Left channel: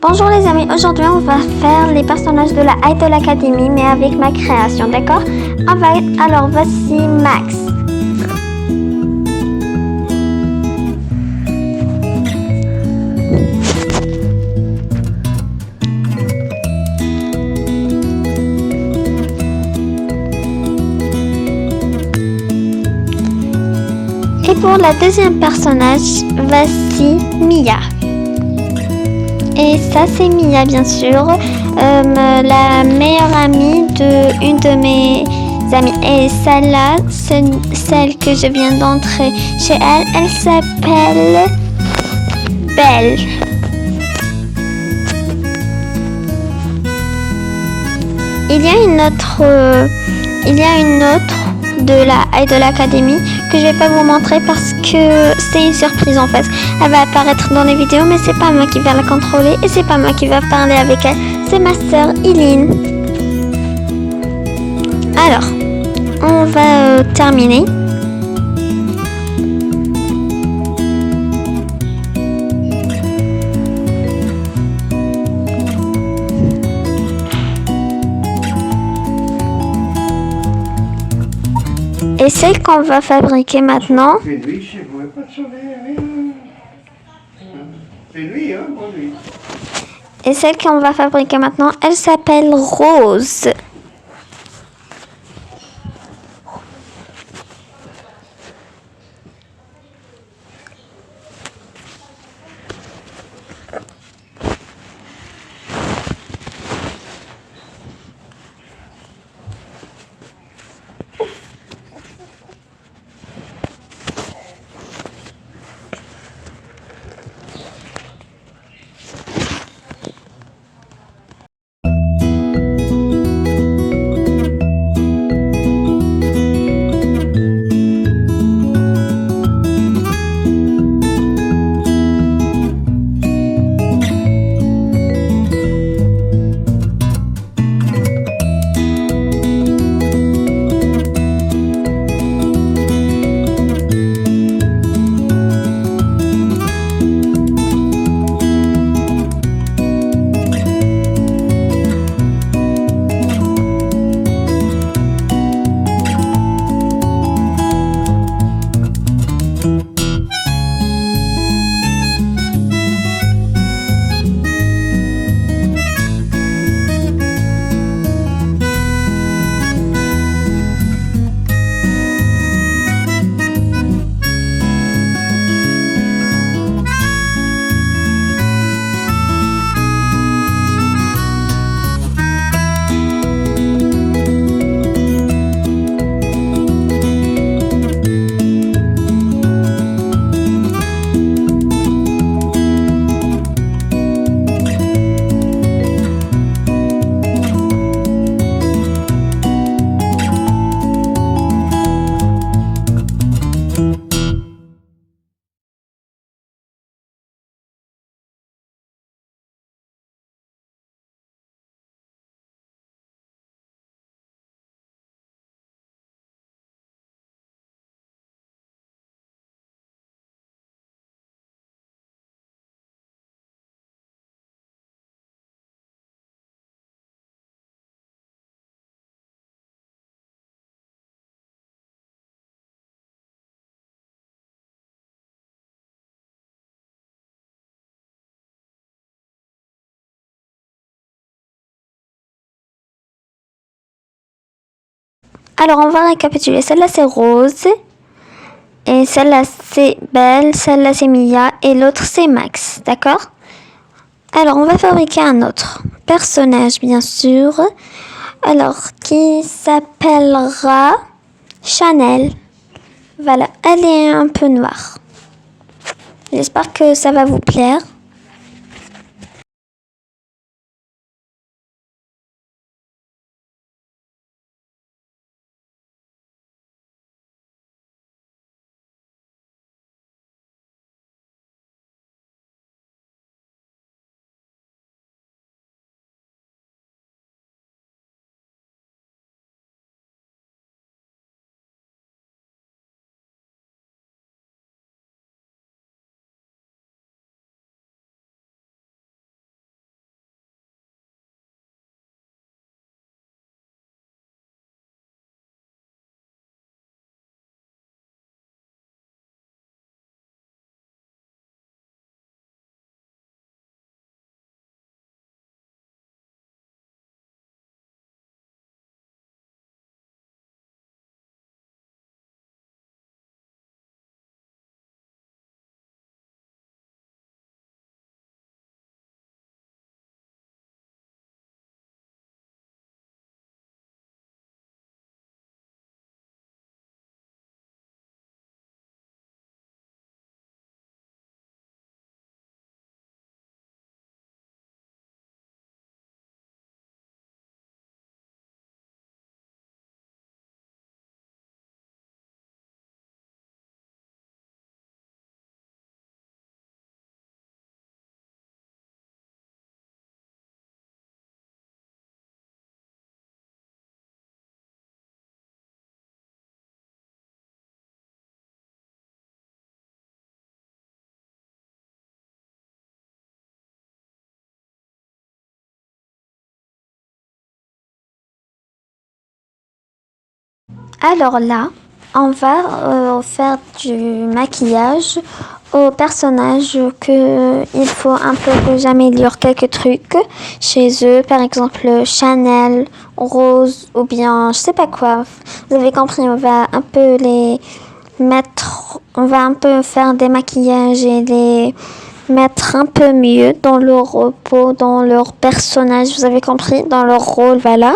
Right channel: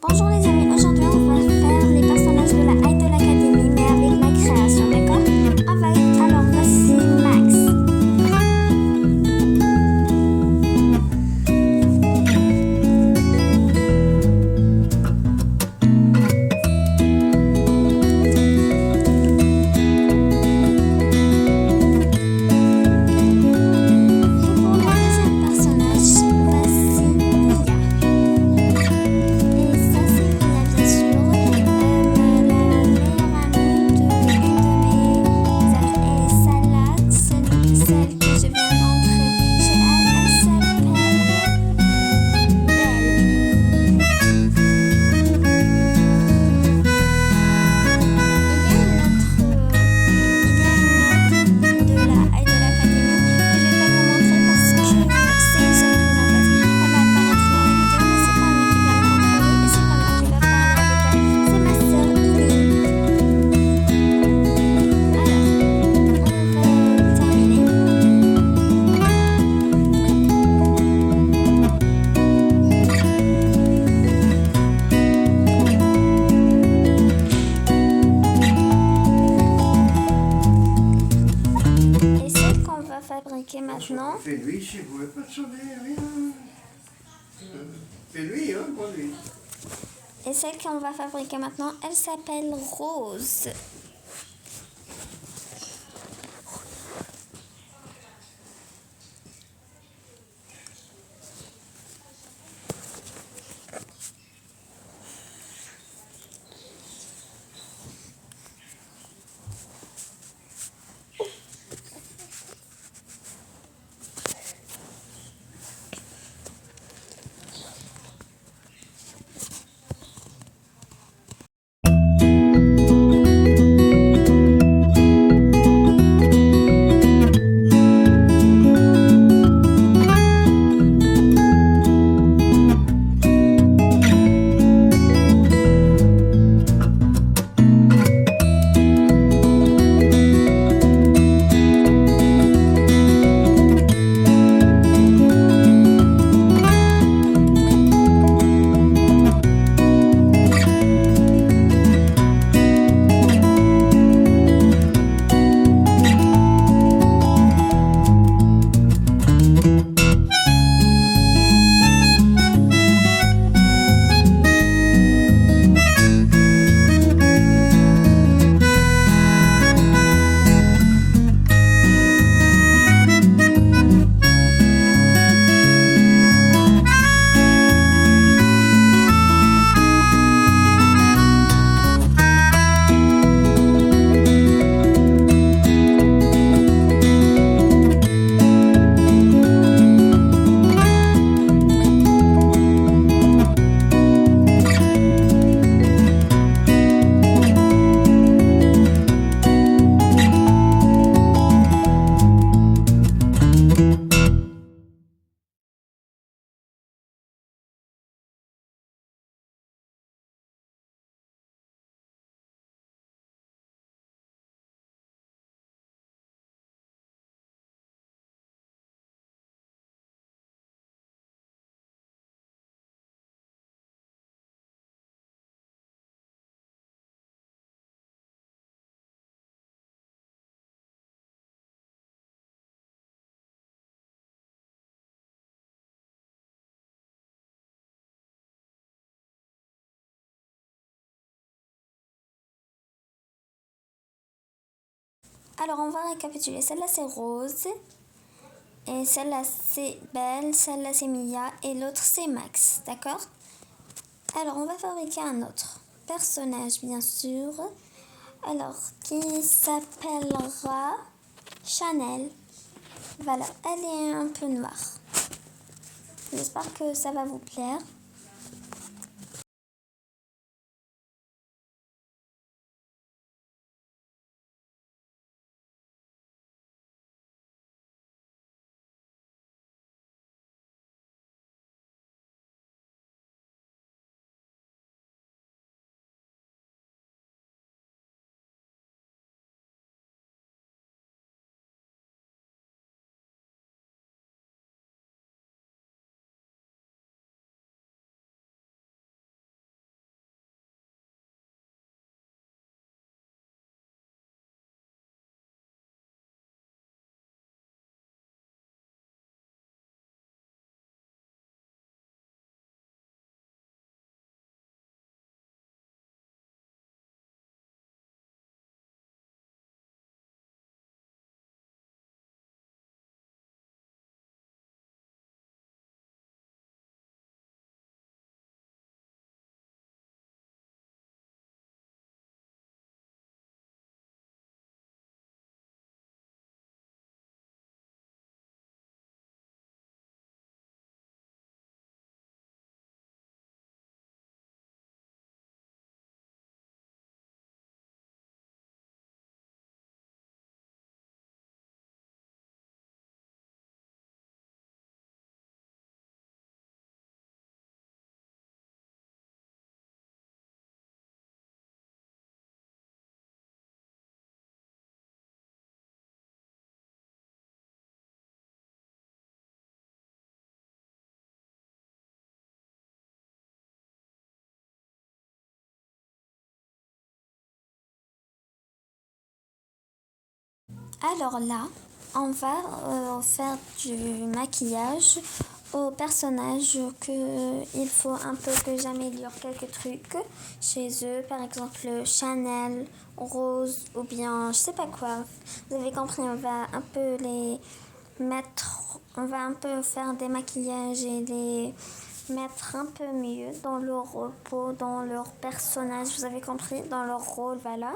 Bonjour les amis, aujourd'hui on va faire les personnages de la Idol Academy mais avec ma création, d'accord? Alors voici Max. Et pour la deuxième personnage, voici Mia. Et ça c'est Mia bien sûr, la meilleure amie de une de mes amies. Et celle-là, celle que je viens d'entrer chez elle, elle s'appelle Belle. Il y a une autre de la Idol Academy que je vais pas vous montrer parce que c'est une surprise en fait. Elle va apparaître dans les vidéos mais c'est pas moi qui vais la contrôler et c'est pas moi qui va parler avec elle. C'est ma sœur Eileen. Alors, on va terminer. Et celle qu'on va fabriquer maintenant. Fais-lui, je ne pouvais pas te sauver, rien. Fais-lui, hein, bon lui. Et celle qu'on va fabriquer maintenant, elle s'appelle Rose. Alors on va récapituler. Celle-là c'est Rose. Et celle-là c'est Belle. Celle-là c'est Mia. Et l'autre c'est Max. D'accord? Alors on va fabriquer un autre personnage bien sûr. Alors qui s'appellera Chanel. Voilà. Elle est un peu noire. J'espère que ça va vous plaire. Alors là, on va faire du maquillage aux personnages que il faut un peu que j'améliore quelques trucs chez eux, par exemple Chanel, Rose ou bien je sais pas quoi. Vous avez compris, on va un peu les mettre, on va un peu faire des maquillages et les mettre un peu mieux dans leur peau, dans leur personnage, vous avez compris, dans leur rôle, voilà.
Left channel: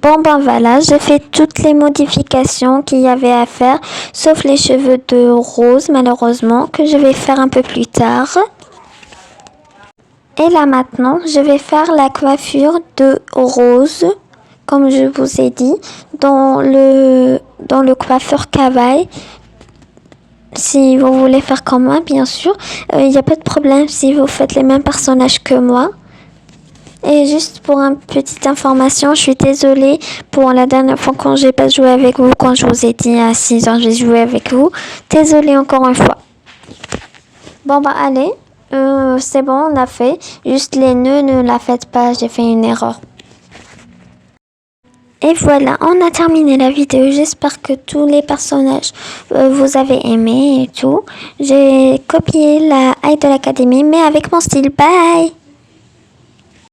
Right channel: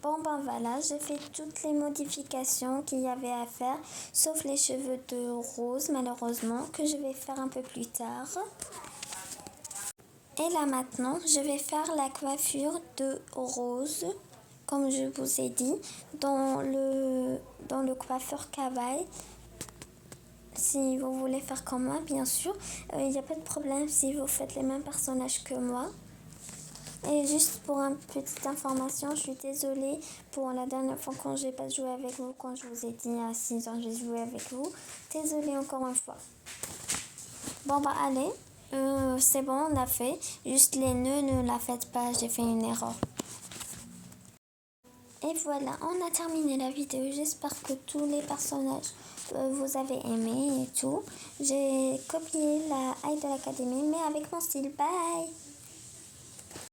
Bon ben voilà, j'ai fait toutes les modifications qu'il y avait à faire, sauf les cheveux de Rose malheureusement, que je vais faire un peu plus tard. Et là maintenant, je vais faire la coiffure de Rose, comme je vous ai dit, dans le coiffeur Kawaii. Si vous voulez faire comme moi, bien sûr, il n'y a pas de problème si vous faites les mêmes personnages que moi. Et juste pour une petite information, je suis désolée pour la dernière fois quand j'ai pas joué avec vous, quand je vous ai dit à 6 heures j'ai joué avec vous. Désolée encore une fois. Bon bah allez, c'est bon, on a fait. Juste les nœuds, ne la faites pas, j'ai fait une erreur. Et voilà, on a terminé la vidéo. J'espère que tous les personnages vous avez aimé et tout. J'ai copié la Idol Academy, mais avec mon style. Bye!